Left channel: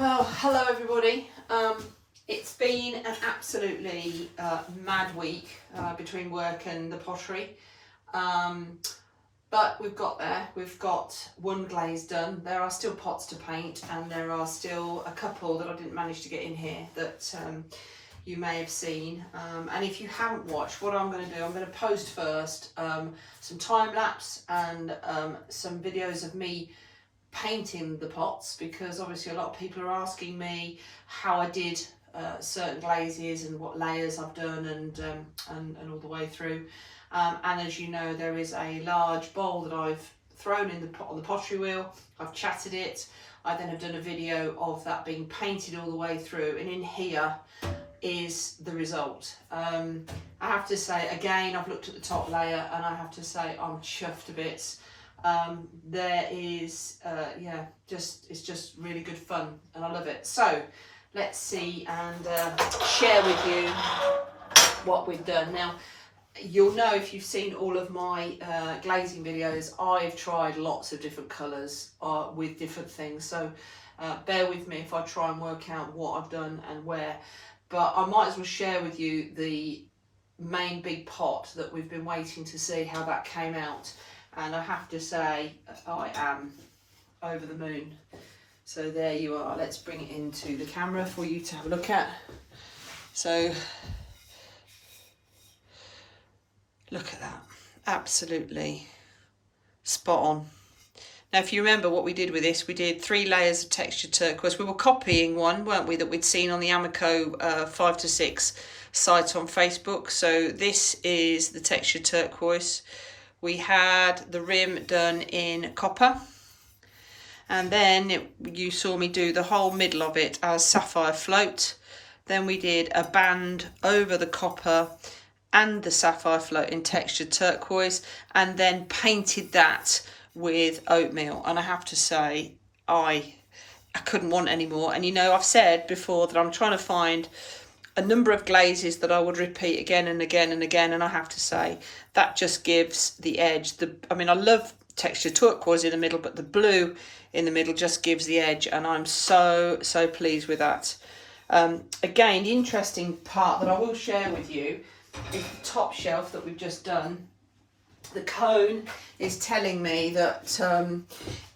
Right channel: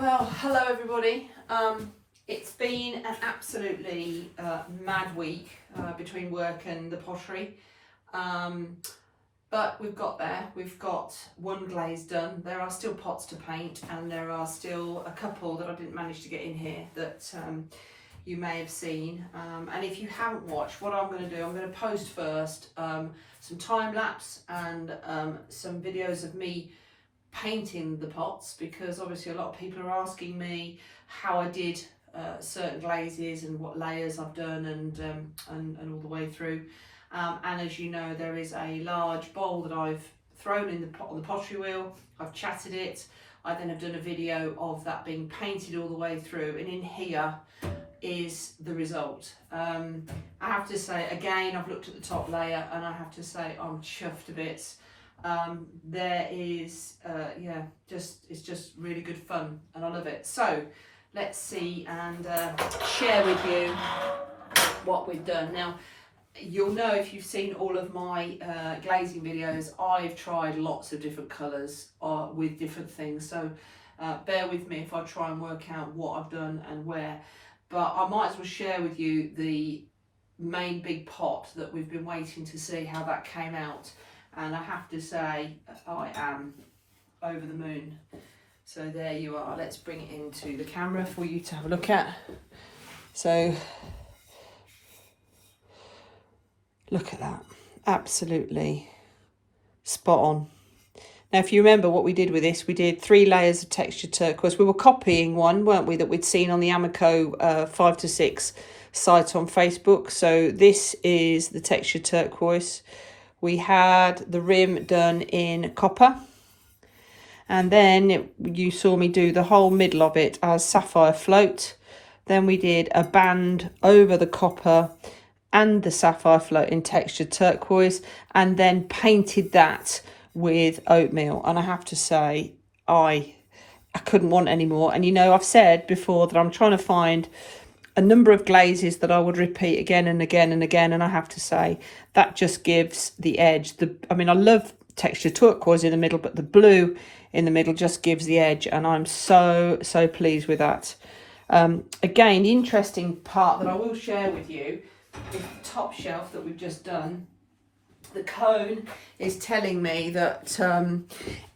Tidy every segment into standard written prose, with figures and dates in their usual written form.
Well, hello everybody. It's been an absolutely mad week between work and the pottery, but we've got there. We've got one glaze done. There are still pots to paint, and there are still a couple that I didn't manage to get in here that you may have seen. And if you haven't watched, what I'm going to do, I'm going to post first some time lapse and some videos of me painting the pots, because obviously a lot of people are asking me how I did certain glazes and what layers I've done and all the way through. And as you know, there is a large bowl that I've thrown in the pot on the pottery wheel. I've chatted it. I then have done a video of that being painted all the way through, and in here is the result. I have to say, again, I've looked at the top layer and I have to say I'm chuffed to bits. There is it's just really good fun and I love it. So let's see and share with you what we've done. Now you'll know, if you've seen all of my glazing videos, I've tried lots of different colours with different things, so bear with me if I try and work out what I've done and where, but I might as well share with you the main big pot that we've been waiting to see how that came out. And I have to say, I am over the moon. So there you are. Let's bring it into the camera for you to have a look at. So look at that. Absolutely spot on. Now, if you remember what we did with this, we did 3 layers of textured turquoise. We were copying one, weren't we, that we'd seen on the Amaco 5 to 6 site on Facebook. So this is the textured turquoise. We had the rim done in copper, and then you saw me do the whole middle of it as sapphire float. Then we did a band over the copper and the sapphire float in textured turquoise, and then painted that with oatmeal. And I have to say, I couldn't want any more. And you know, I've said before that I'm trying to find a number of glazes that I would repeat again and again and again, and I have to say that just gives the edge. I mean, I love textured turquoise in the middle, but the blue in the middle just gives the edge, and I'm so pleased with that. Again, the interesting part that I will share with you is the top shelf that we've just done. The cone is telling me that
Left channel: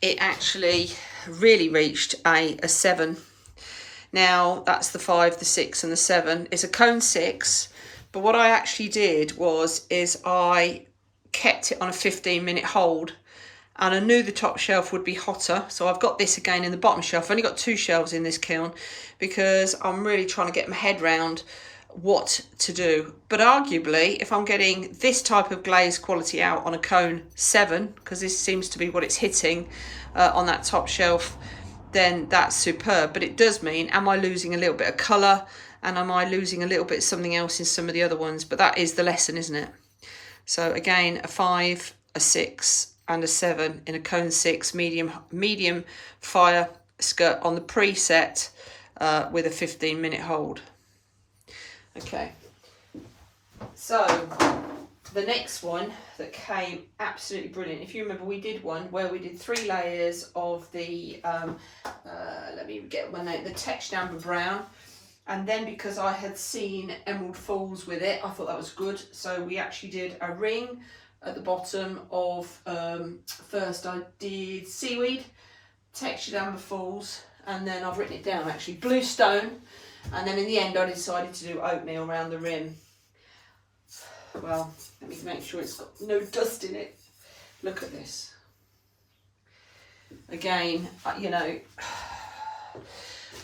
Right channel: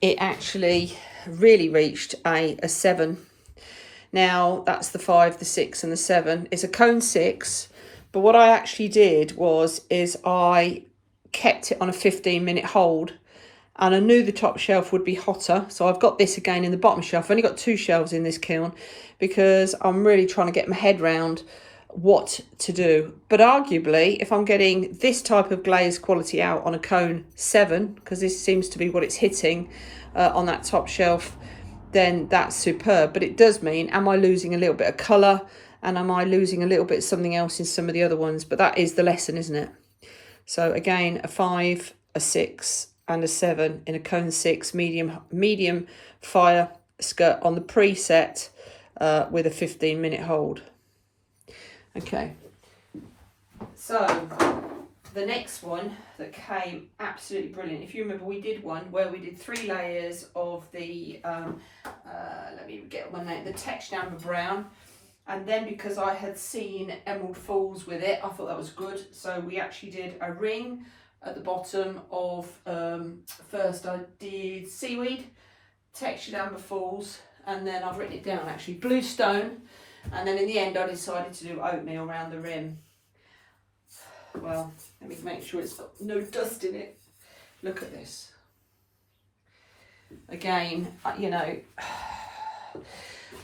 it actually really reached a 7. Now that's the 5, the 6 and the 7. It's a cone 6, but what I actually did is I kept it on a 15-minute hold, and I knew the top shelf would be hotter, so I've got this again in the bottom shelf. I've only got 2 shelves in this kiln because I'm really trying to get my head round what to do. But arguably, if I'm getting this type of glaze quality out on a cone 7, because this seems to be what it's hitting on that top shelf, then that's superb. But it does mean, am I losing a little bit of colour, and am I losing a little bit of something else in some of the other ones? But that is the lesson, isn't it? So again, a 5, a 6 and a 7 in a cone 6 medium fire skirt on the preset with a 15-minute hold. Okay, so the next one that came absolutely brilliant. If you remember, we did one where we did 3 layers of the let me get my name, the textured amber brown, and then because I had seen emerald falls with it, I thought that was good, so we actually did a ring at the bottom of first I did seaweed, textured amber falls, and then I've written it down actually, blue stone, and then in the end I decided to do oatmeal around the rim. Well, let me make sure it's got no dust in it. Look at this. Again, you know,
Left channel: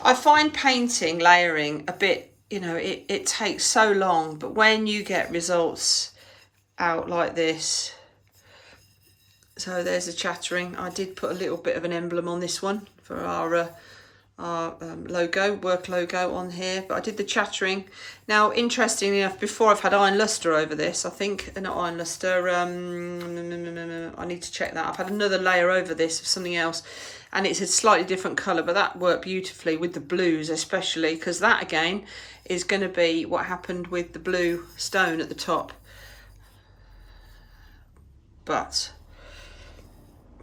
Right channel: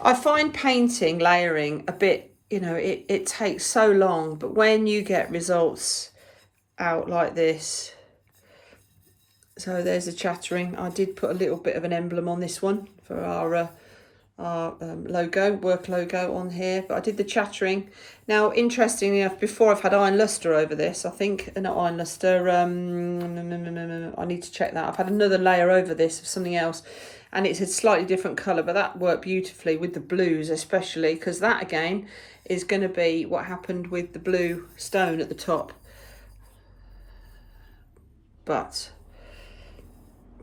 I find painting, layering a bit, you know, it takes so long, but when you get results out like this. So there's the chattering. I did put a little bit of an emblem on this one for our logo, work logo on here, but I did the chattering. Now, interestingly enough, before I've had iron luster over this, I think, not iron luster, I need to check that. I've had another layer over this of something else, and it's a slightly different colour, but that worked beautifully with the blues, especially because that again is going to be what happened with the blue stone at the top. But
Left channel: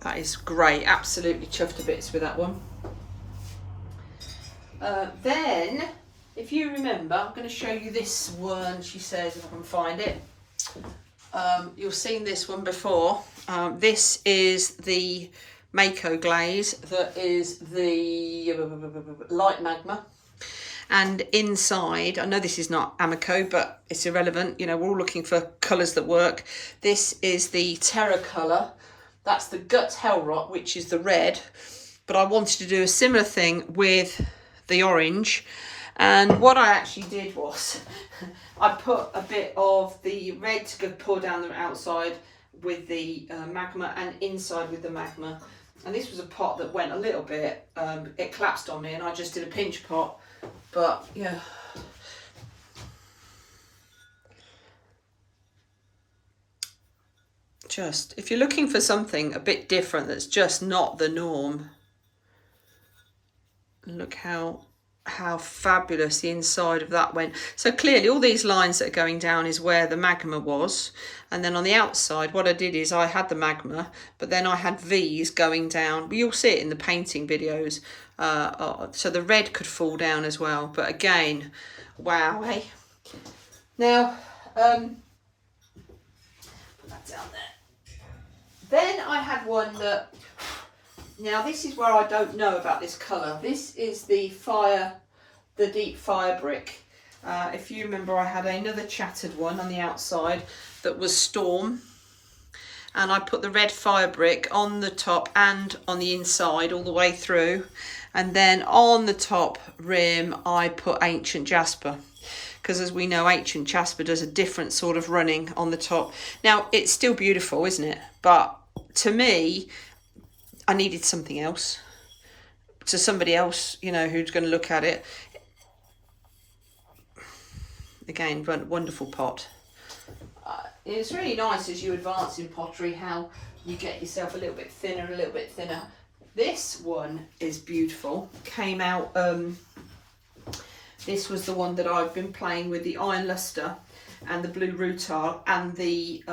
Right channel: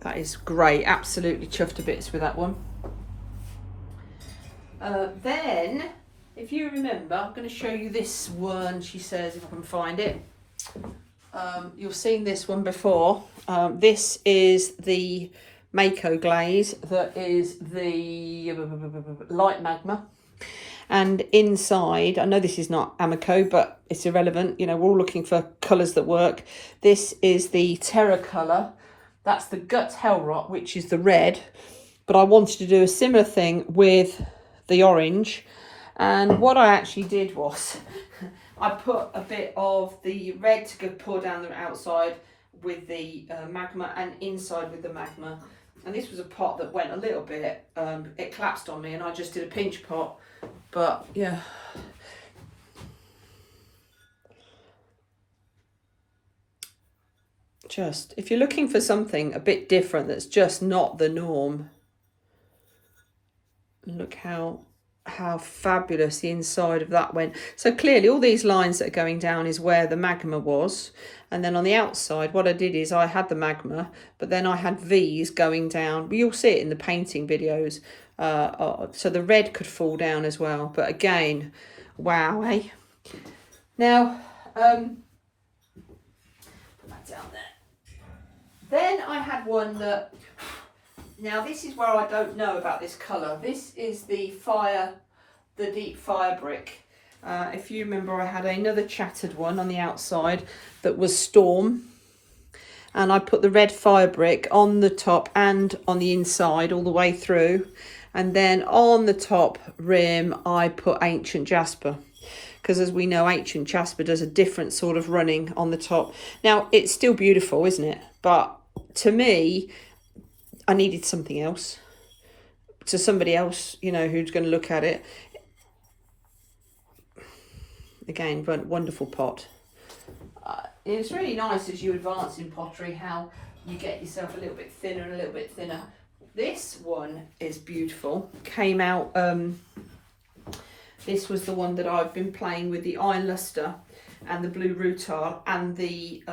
that is great, absolutely chuffed to bits with that one. Then, if you remember, I'm going to show you this one, she says, if I can find it. You've seen this one before. This is the Amaco glaze, that is the light magma. And inside, I know this is not Amaco, but it's irrelevant. You know, we're all looking for colours that work. This is the Terra colour. That's the Gut Hell Rot, which is the red. But I wanted to do a similar thing with the orange. And what I actually did was I put a bit of the red to pour down the outside with the magma and inside with the magma. And this was a pot that went a little bit, it collapsed on me and I just did a pinch pot. But yeah. Just, if you're looking for something a bit different that's just not the norm, look how fabulous the inside of that went. So clearly all these lines that are going down is where the magma was, and then on the outside what I did is I had the magma, but then I had V's going down. You'll see it in the painting videos, so the red could fall down as well. But again, wow, eh? Now put that down there. Then I had one that, now this is where I don't know about this colour. This is the deep fire brick. If you remember, I had another chattered one on the outside that was Storm. And I put the red fire brick on the top and on the inside all the way through. And then on the top rim, I put Ancient Jasper. Because as we know, Ancient Jasper does a different sort of running on the top. Now, it's still beautiful, isn't it? But to me, I needed something else. To somebody else, you know, who's going to look at it. Again, wonderful pot. It's really nice as you advance in pottery how you get yourself a little bit thinner, a little bit thinner. This one is beautiful. Came out, this was the one that I've been playing with, the iron luster and the blue rutile and the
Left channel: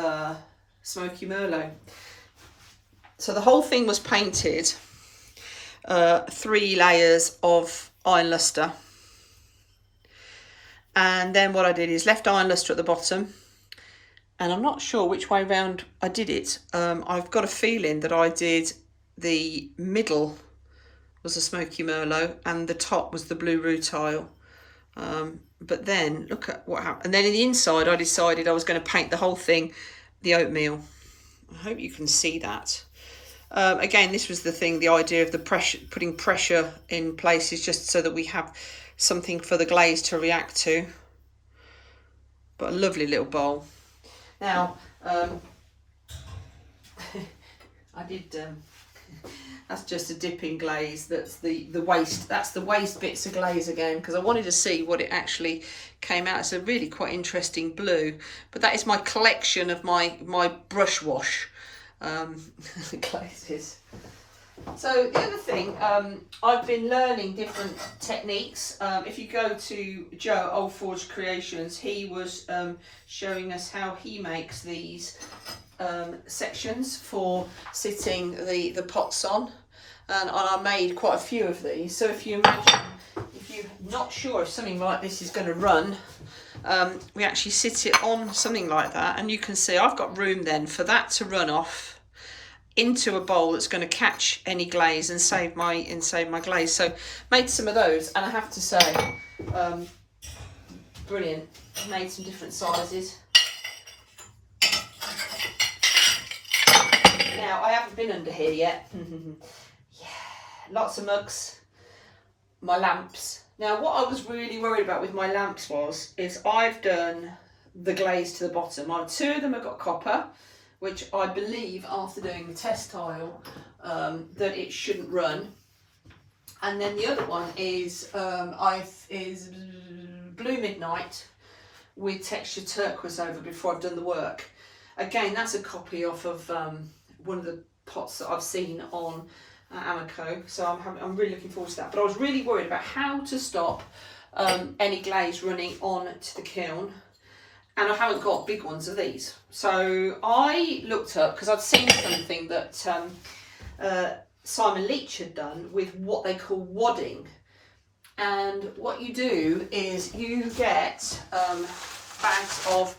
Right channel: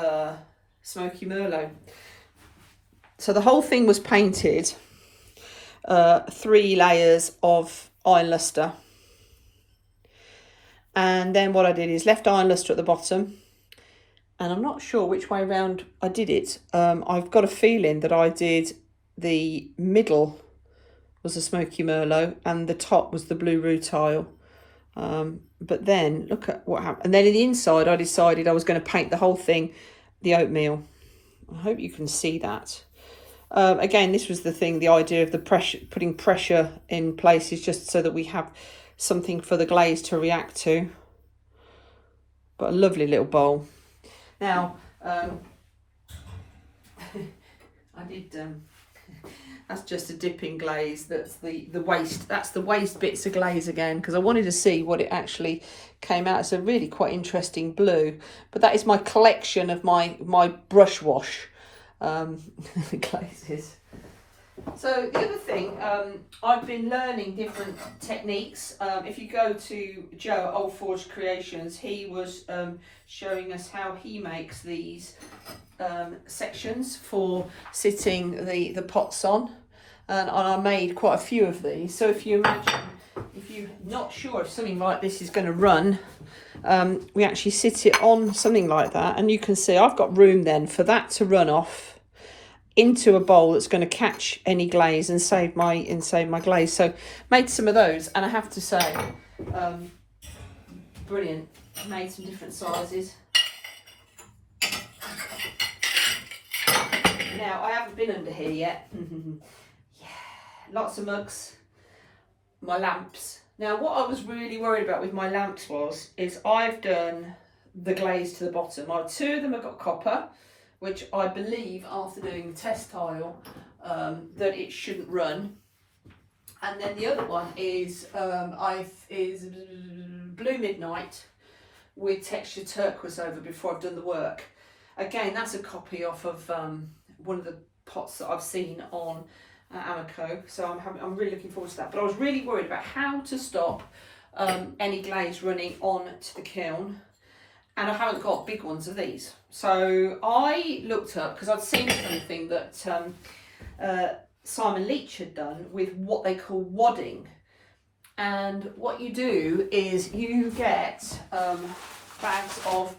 smoky merlot. So the whole thing was painted 3 layers of iron luster. And then what I did is left iron luster at the bottom. And I'm not sure which way round I did it. I've got a feeling that I did the middle was the smoky merlot and the top was the blue rutile. But then look at what happened. And then in the inside, I decided I was going to paint the whole thing the oatmeal. I hope you can see that. Again, this was the thing, the idea of the pressure, putting pressure in places just so that we have something for the glaze to react to. But a lovely little bowl. Now, I did, that's just a dipping glaze. That's the waste, that's the waste bits of glaze again, because I wanted to see what it actually came out. It's a really quite interesting blue, but that is my collection of my brush wash glazes. So the other thing, I've been learning different techniques. If you go to Joe Old Forge Creations, he was showing us how he makes these sections for sitting the pots on, and I made quite a few of these. So if you imagine, if you're not sure if something like this is going to run, we actually sit it on something like that, and you can see I've got room then for that to run off into a bowl that's going to catch any glaze and save my glaze. So made some of those, and I have to say, brilliant. Made some different sizes. Now I haven't been under here yet. Yeah, lots of mugs, my lamps. Now what I was really worried about with my lamps is I've done the glaze to the bottom. 2 of them have got copper, which I believe after doing the test tile that it shouldn't run. And then the other one is Blue Midnight with textured turquoise over before I've done the work. Again, that's a copy off of one of the pots that I've seen on Amaco, so I'm really looking forward to that. But I was really worried about how to stop any glaze running on to the kiln. And I haven't got big ones of these. So I looked up, because I'd seen something that Simon Leach had done with what they call wadding. And what you do is you get bags of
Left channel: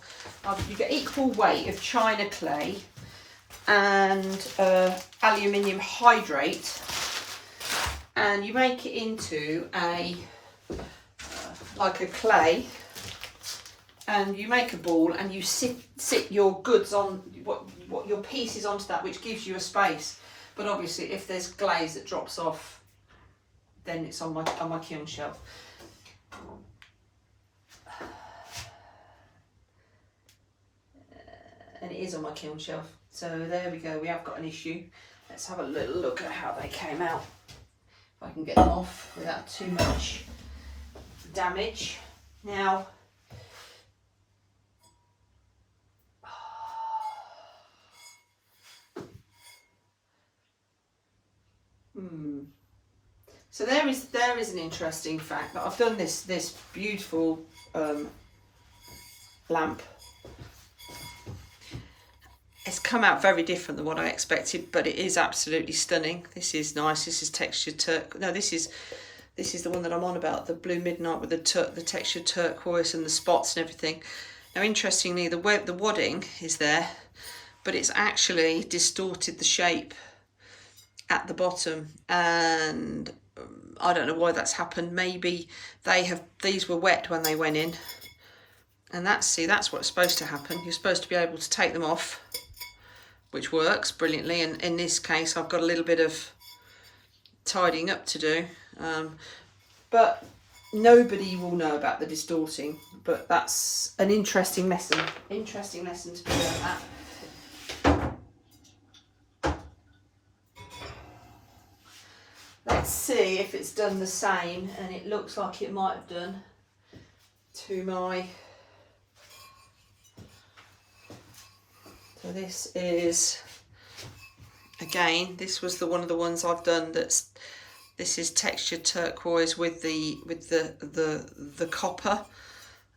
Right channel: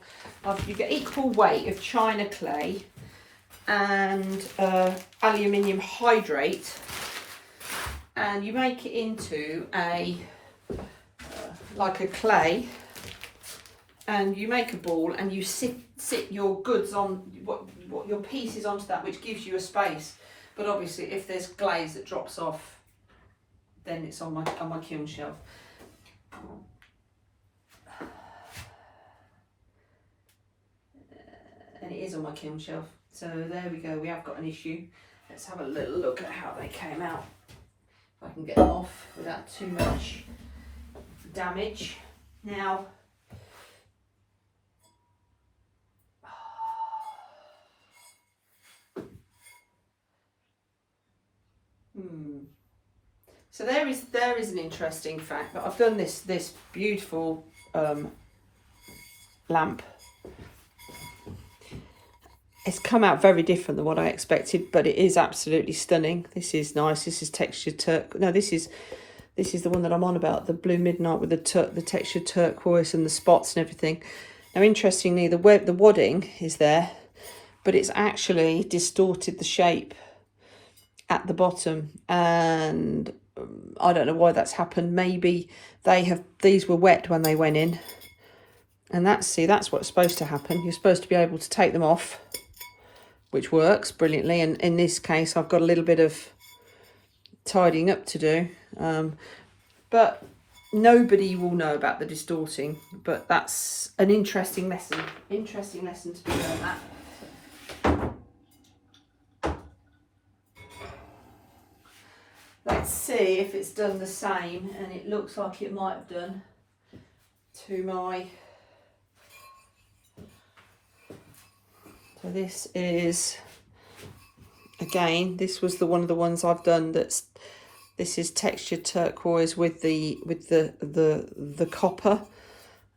you get equal weight of china clay and aluminium hydrate, and you make it into a like a clay, and you make a ball and you sit your goods on what your pieces onto that, which gives you a space. But obviously if there's glaze that drops off, then it's on my kiln shelf. And it is on my kiln shelf. So there we go, we have got an issue. Let's have a little look at how they came out. If I can get them off without too much damage. Now, so there is an interesting fact that I've done this beautiful lamp. It's come out very different than what I expected, but it is absolutely stunning. This is nice. This is textured turquoise. No, this is the one that I'm on about, the blue midnight with the textured turquoise and the spots and everything. Now, interestingly, the wadding is there, but it's actually distorted the shape at the bottom, and I don't know why that's happened. Maybe these were wet when they went in, and that's what's supposed to happen. You're supposed to be able to take them off, which works brilliantly, and in this case I've got a little bit of tidying up to do, but nobody will know about the distorting. But that's an interesting lesson to be learned that. Let's see if it's done the same, and it looks like it might have done to my. So this is, again, this was one of the ones I've done. This is textured turquoise with the copper,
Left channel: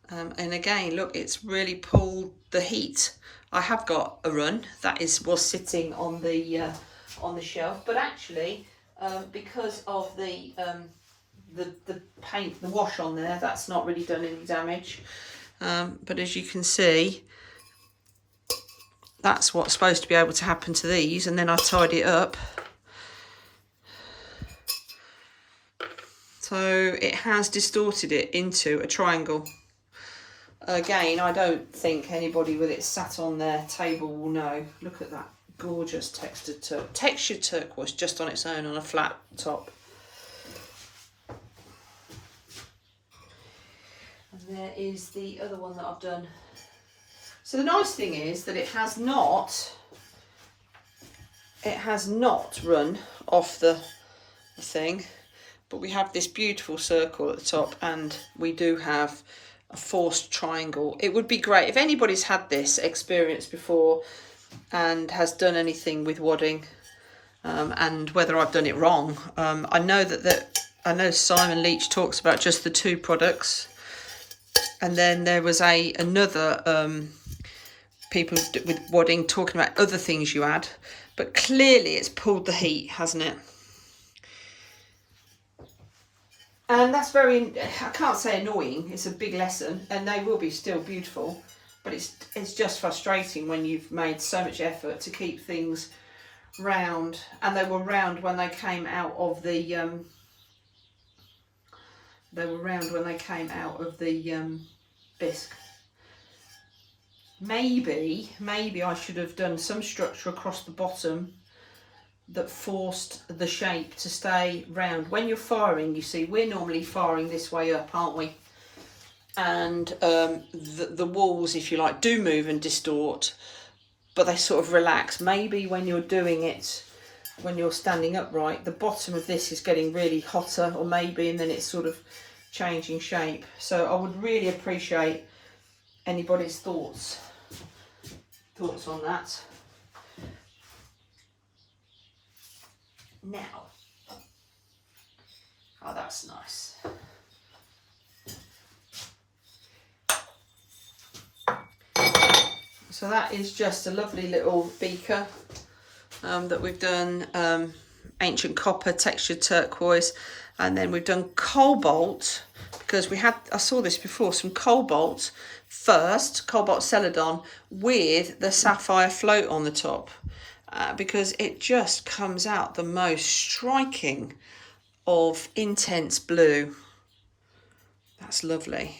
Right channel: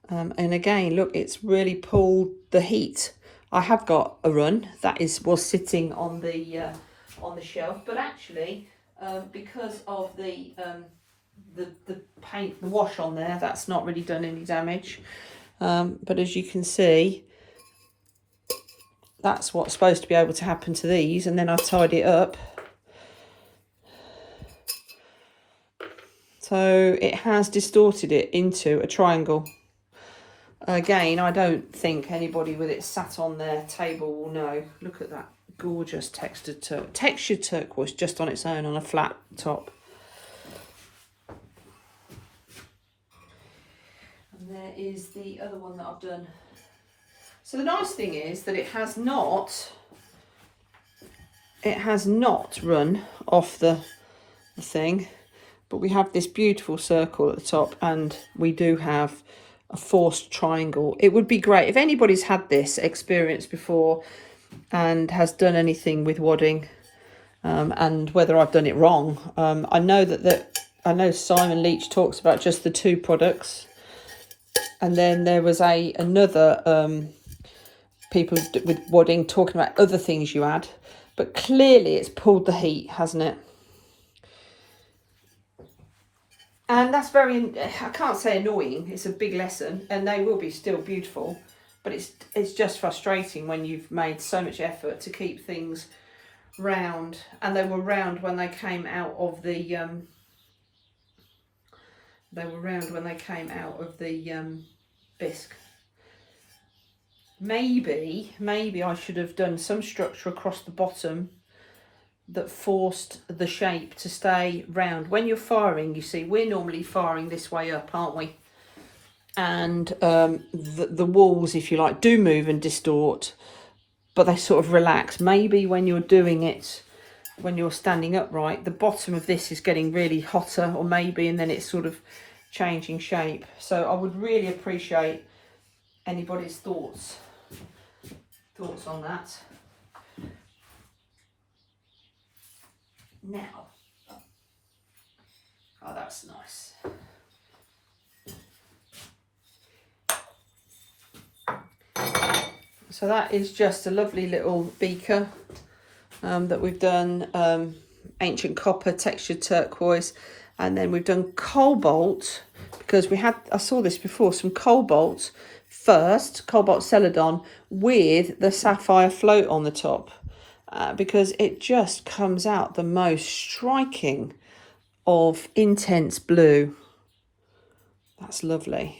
and again, look, it's really pulled the heat. I have got a run that was sitting on the shelf, but actually, because of the paint, the wash on there, that's not really done any damage. But as you can see, that's what's supposed to be able to happen to these, and then I tied it up. So it has distorted it into a triangle. Again, I don't think anybody with it sat on their table will know. Look at that gorgeous textured turquoise just on its own on a flat top. And there is the other one that I've done. So the nice thing is that it has not run off the thing, but we have this beautiful circle at the top, and we do have a forced triangle. It would be great if anybody's had this experience before and has done anything with wadding, and whether I've done it wrong. I know I know Simon Leach talks about just the two products, and then there was another people with wadding talking about other things you add, but clearly it's pulled the heat, hasn't it? And that's I can't say annoying, it's a big lesson, and they will be still beautiful, but it's just frustrating when you've made so much effort to keep things round, and they were round when they came out of the bisque. Maybe I should have done some structure across the bottom that forced the shape to stay round. When you're firing, you see, we're normally firing this way up, aren't we? And the walls, if you like, do move and distort, but they sort of relax. Maybe when you're doing it, when you're standing upright, the bottom of this is getting really hotter, or maybe, and then it's sort of changing shape. So I would really appreciate anybody's thoughts on that. Now, oh, that's nice. So that is just a lovely little beaker that we've done ancient copper, textured turquoise, and then we've done cobalt, because I saw this before, some cobalt first, cobalt celadon with the sapphire float on the top, because it just comes out the most striking of intense blue. That's lovely.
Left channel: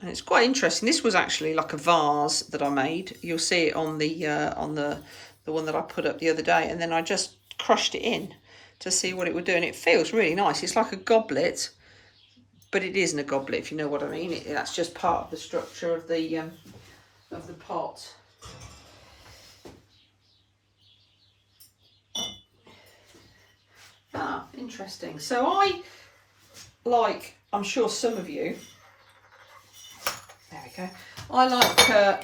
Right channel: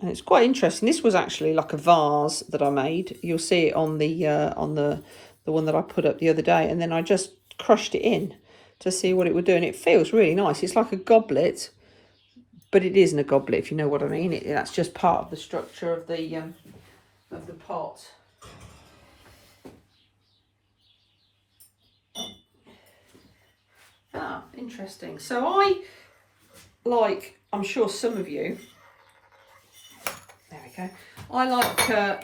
And it's quite interesting. This was actually like a vase that I made. You'll see it on the one that I put up the other day, and then I just crushed it in to see what it would do, and it feels really nice. It's like a goblet, but it isn't a goblet, if you know what I mean. That's just part of the structure of the pot. Ah, interesting. So I'm sure some of you, there we go.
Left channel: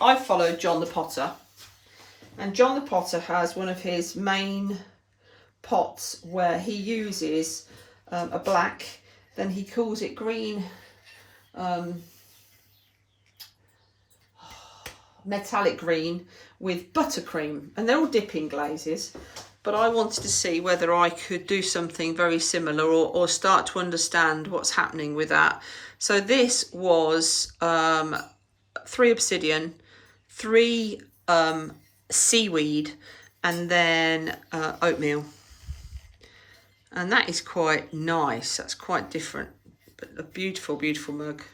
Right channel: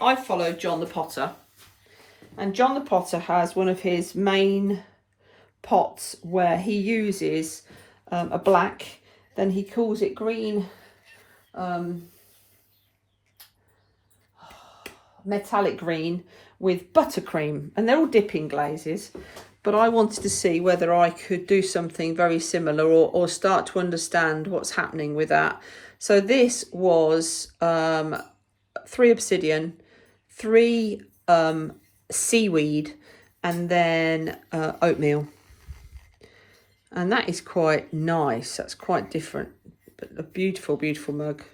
I follow John the Potter, and John the Potter has one of his main pots where he uses a black, then he calls it green, metallic green with buttercream, and they're all dipping glazes. But I wanted to see whether I could do something very similar, or start to understand what's happening with that. So this was 3 obsidian, 3 seaweed, and then oatmeal. And that is quite nice. That's quite different, but a beautiful, beautiful mug.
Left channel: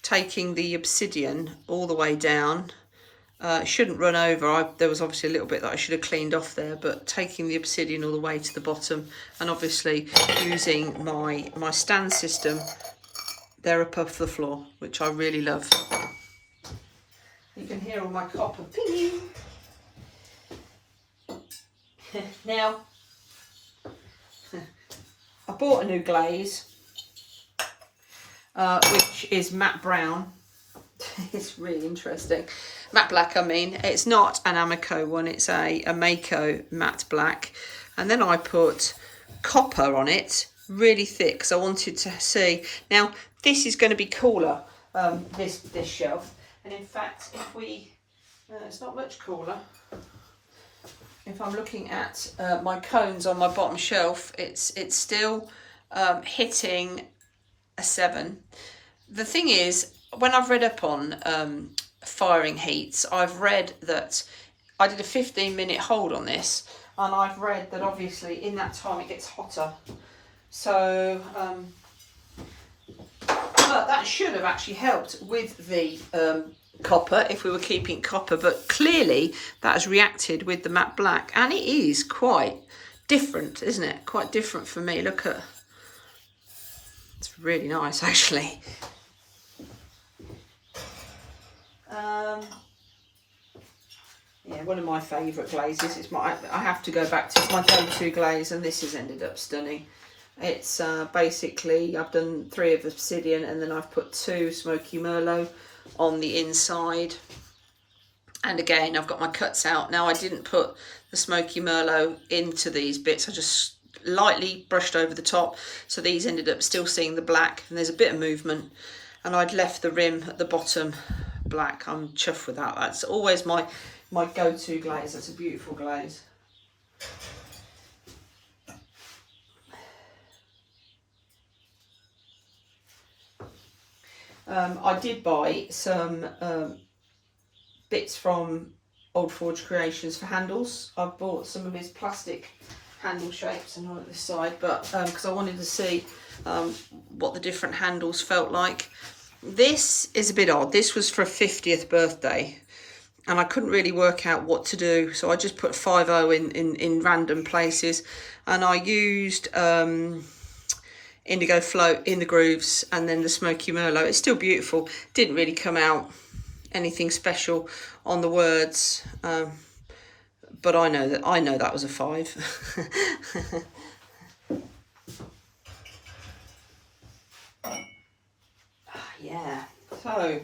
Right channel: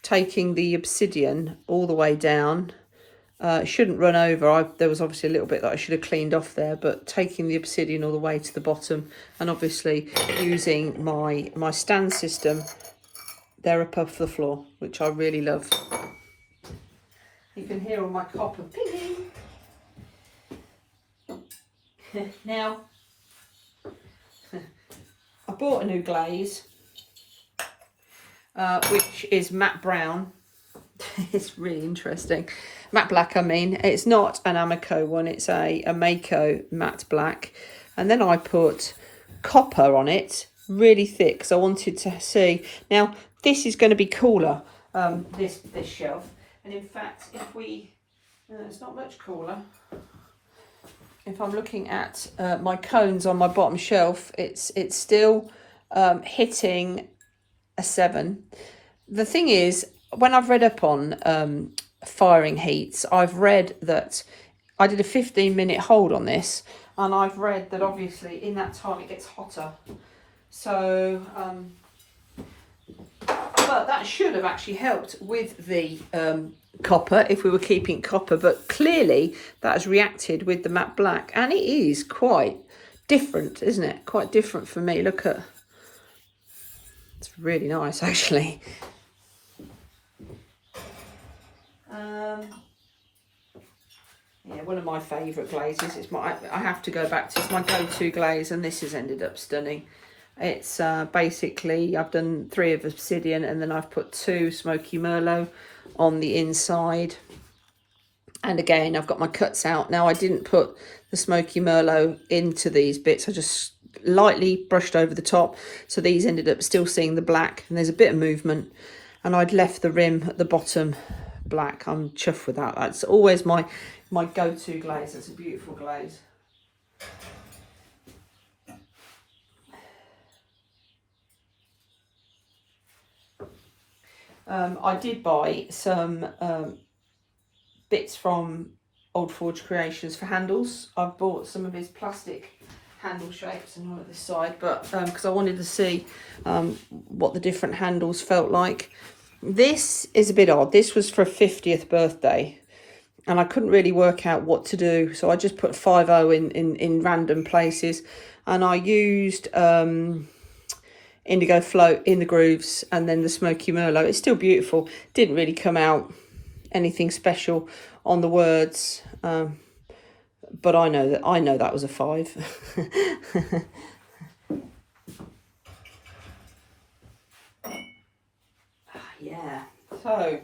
Taking the obsidian all the way down. It shouldn't run over. There was obviously a little bit that I should have cleaned off there, but taking the obsidian all the way to the bottom, and obviously using my stand system there above the floor, which I really love. You can hear all my copper pinging. Now, I bought a new glaze, which is matte brown. It's really interesting. Matte black, I mean. It's not an Amaco one, it's a Amaco matte black. And then I put copper on it, really thick, because I wanted to see. Now, this is going to be cooler, this shelf. And in fact, if we, it's not much cooler. If I'm looking at my cones on my bottom shelf, it's still hitting a 7. The thing is, when I've read up on firing heats, I've read that I did a 15-minute hold on this, and I've read that obviously in that time it gets hotter. So, but that should have actually helped with the copper if we were keeping copper, but clearly that has reacted with the matte black, and it is quite different, isn't it? Quite different for me. Look at, it's really nice actually. Yeah, one of my favourite glazes. It's I have to go back to, it's my go-to glaze, and this has ended up stunning. It's basically, I've done 3 of obsidian, and then I've put 2 smoky merlot on the inside. And again, I've got my cuts out. Now, I didn't put the smoky merlot into these bits. I just lightly brushed over the top. So these ended up still seeing the black, and there's a bit of movement. And I'd left the rim at the bottom black. I'm chuffed with that. That's always my go-to glaze. It's a beautiful glaze. I did buy some bits from Old Forge Creations for handles. I bought some of his plastic handle shapes and all at this side, but because I wanted to see what the different handles felt like. This is a bit odd. This was for a 50th birthday, and I couldn't really work out what to do, so I just put 50 in random places, and I used indigo float in the grooves, and then the smoky merlot. It's still beautiful. Didn't really come out anything special on the words, but I know that was a 5. Yeah, so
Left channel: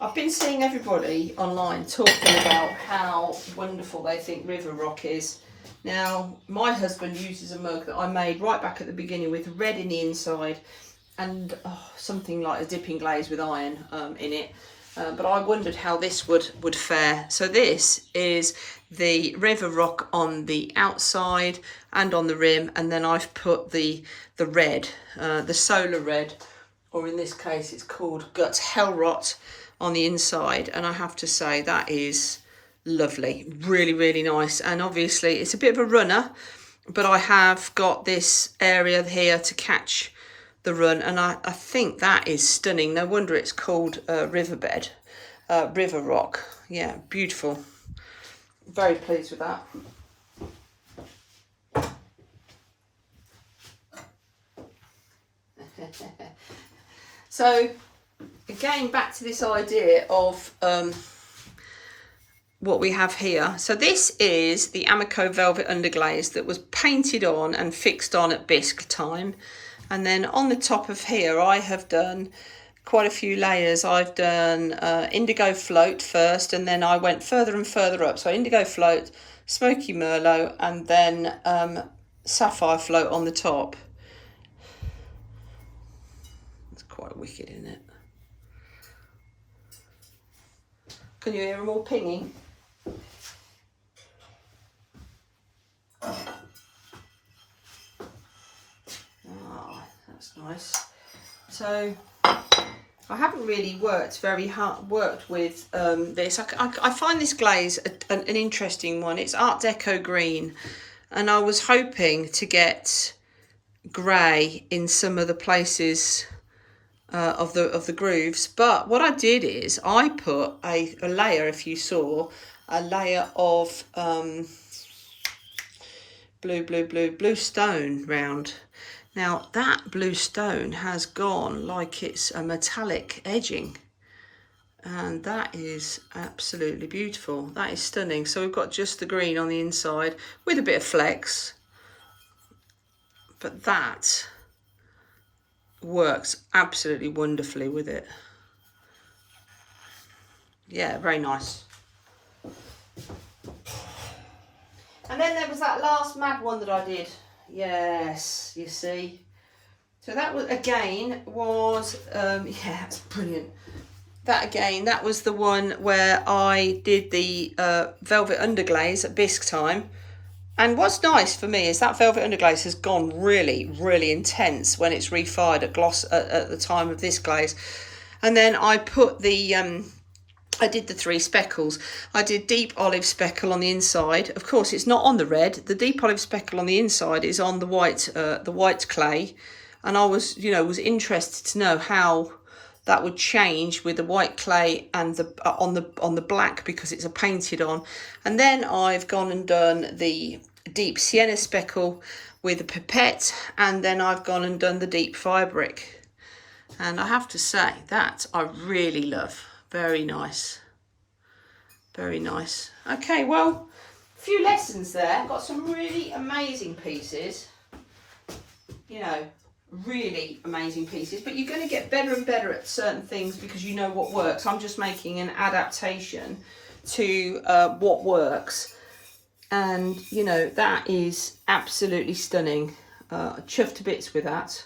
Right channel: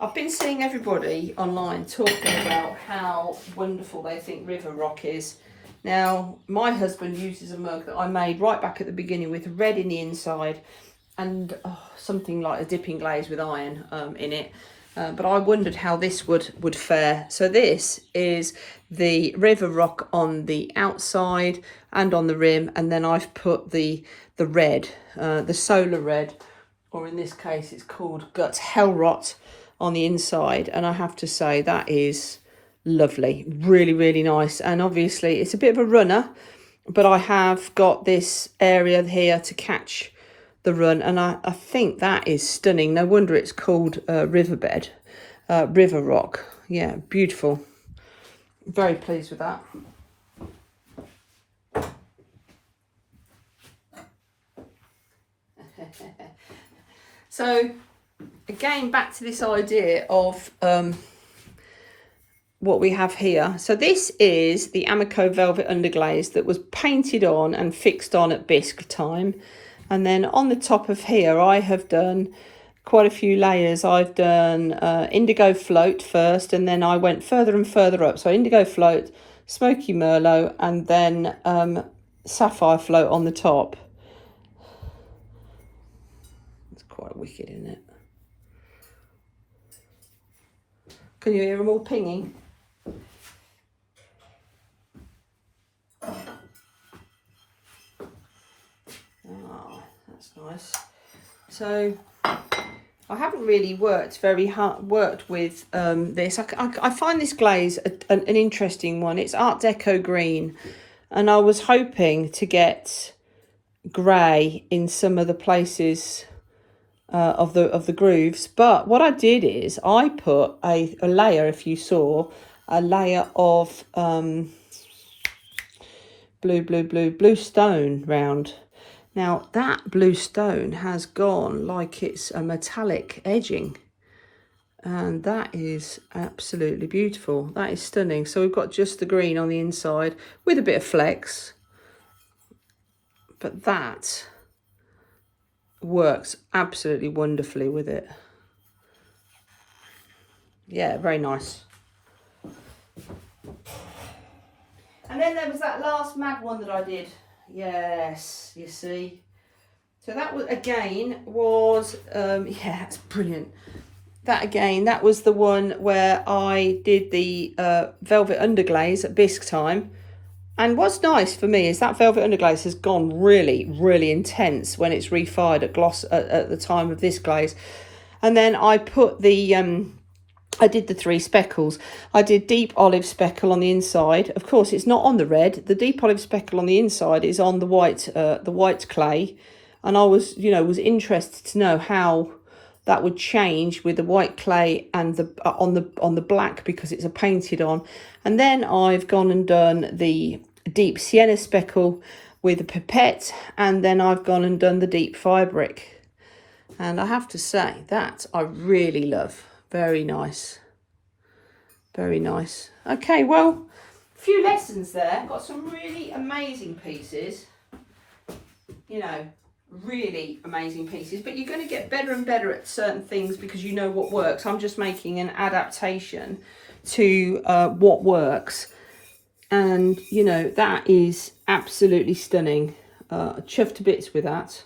I've been seeing everybody online talking about how wonderful they think river rock is. Now, my husband uses a mug that I made right back at the beginning with red in the inside, and something like a dipping glaze with iron in it. but I wondered how this would fare. So this is the river rock on the outside and on the rim, and then I've put the red, the solar red, or in this case it's called Guts Hellrot, on the inside. And I have to say that is lovely, really, really nice. And obviously it's a bit of a runner, but I have got this area here to catch the run, and I think that is stunning. No wonder it's called riverbed, river rock. Yeah, beautiful. Very pleased with that. So again, back to this idea of what we have here. So this is the Amaco velvet underglaze that was painted on and fixed on at bisque time. And then on the top of here, I have done quite a few layers. I've done indigo float first, and then I went further and further up. So indigo float, smoky merlot, and then sapphire float on the top. It's quite wicked, isn't it? Can you hear them all pinging? Oh, that's nice. So I haven't really worked with this. I find this glaze an interesting one. It's Art Deco green, and I was hoping to get grey in some of the places of the grooves, but what I did is I put a layer, if you saw, a layer of blue stone round. Now that blue stone has gone like it's a metallic edging, and that is absolutely beautiful. That is stunning. So we've got just the green on the inside with a bit of flex, but that works absolutely wonderfully with it. Yeah, very nice. And then there was that last mad one that I did. Yes, you see. So that was, again, yeah, that's brilliant. That was the one where I did the velvet underglaze at bisque time. And what's nice for me is that velvet underglaze has gone really, really intense when it's refired at gloss at the time of this glaze. And then I put the I did the 3 speckles. I did deep olive speckle on the inside. Of course, it's not on the red. The deep olive speckle on the inside is on the white clay. And I was interested to know how that would change with the white clay and the on the black, because it's a painted on. And then I've gone and done the deep sienna speckle with a pipette, and then I've gone and done the deep firebrick. And I have to say that I really love. Very nice. Very nice. Okay, well, a few lessons there. Got some really amazing pieces. Really amazing pieces, but you're going to get better and better at certain things because you know what works. I'm just making an adaptation to what works, and that is absolutely stunning. Chuffed to bits with that.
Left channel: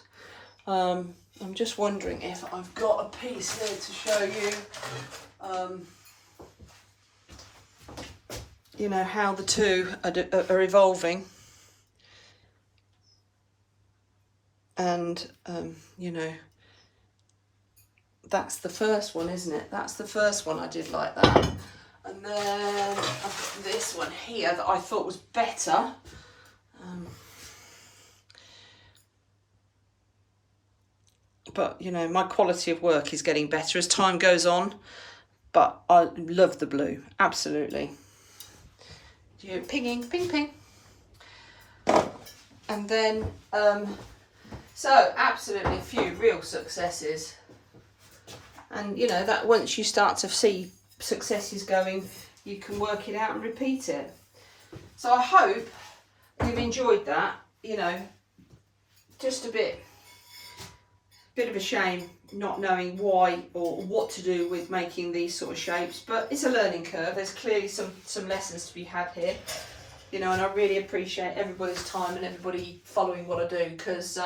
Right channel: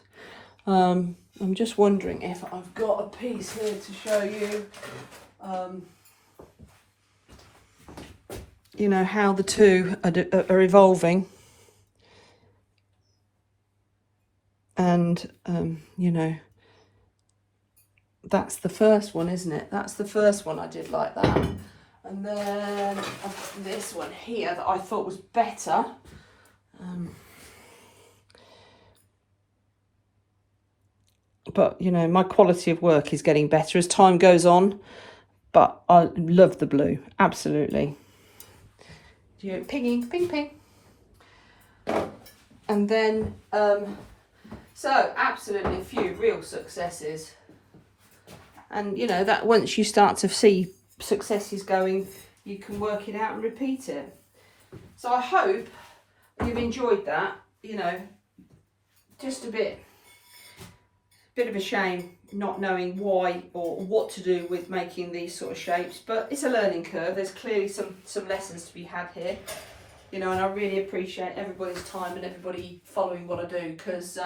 I'm just wondering if I've got a piece here to show you how the two are evolving. And, that's the first one, isn't it? That's the first one I did like that. And then this one here that I thought was better. But, my quality of work is getting better as time goes on. But I love the blue, absolutely. Pinging, ping, ping. And then... so absolutely a few real successes, and that once you start to see successes going, you can work it out and repeat it. So I hope you've enjoyed that. Just a bit of a shame not knowing why or what to do with making these sort of shapes, but it's a learning curve. There's clearly some lessons to be had here. And I really appreciate everybody's time and everybody following what I do, because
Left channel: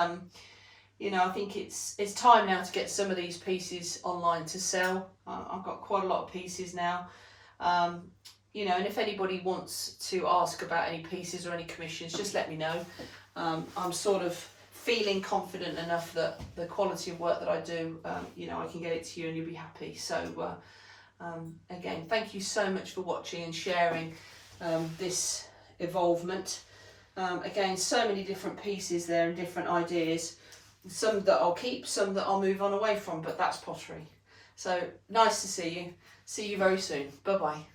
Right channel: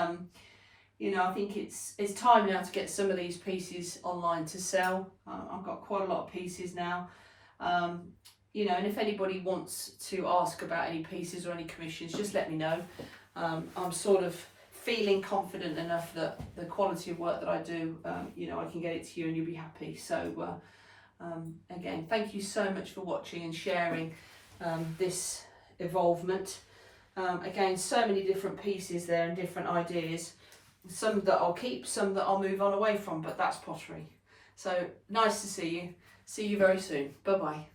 you know, I think it's time now to get some of these pieces online to sell. I've got quite a lot of pieces now. You know, and if anybody wants to ask about any pieces or any commissions, just let me know. I'm sort of feeling confident enough that the quality of work that I do, you know, I can get it to you and you'll be happy. So again, thank you so much for watching and sharing this evolvement. Again, so many different pieces there and different ideas. Some that I'll keep, some that I'll move on away from, but that's pottery. So nice to see you. See you very soon. Bye bye.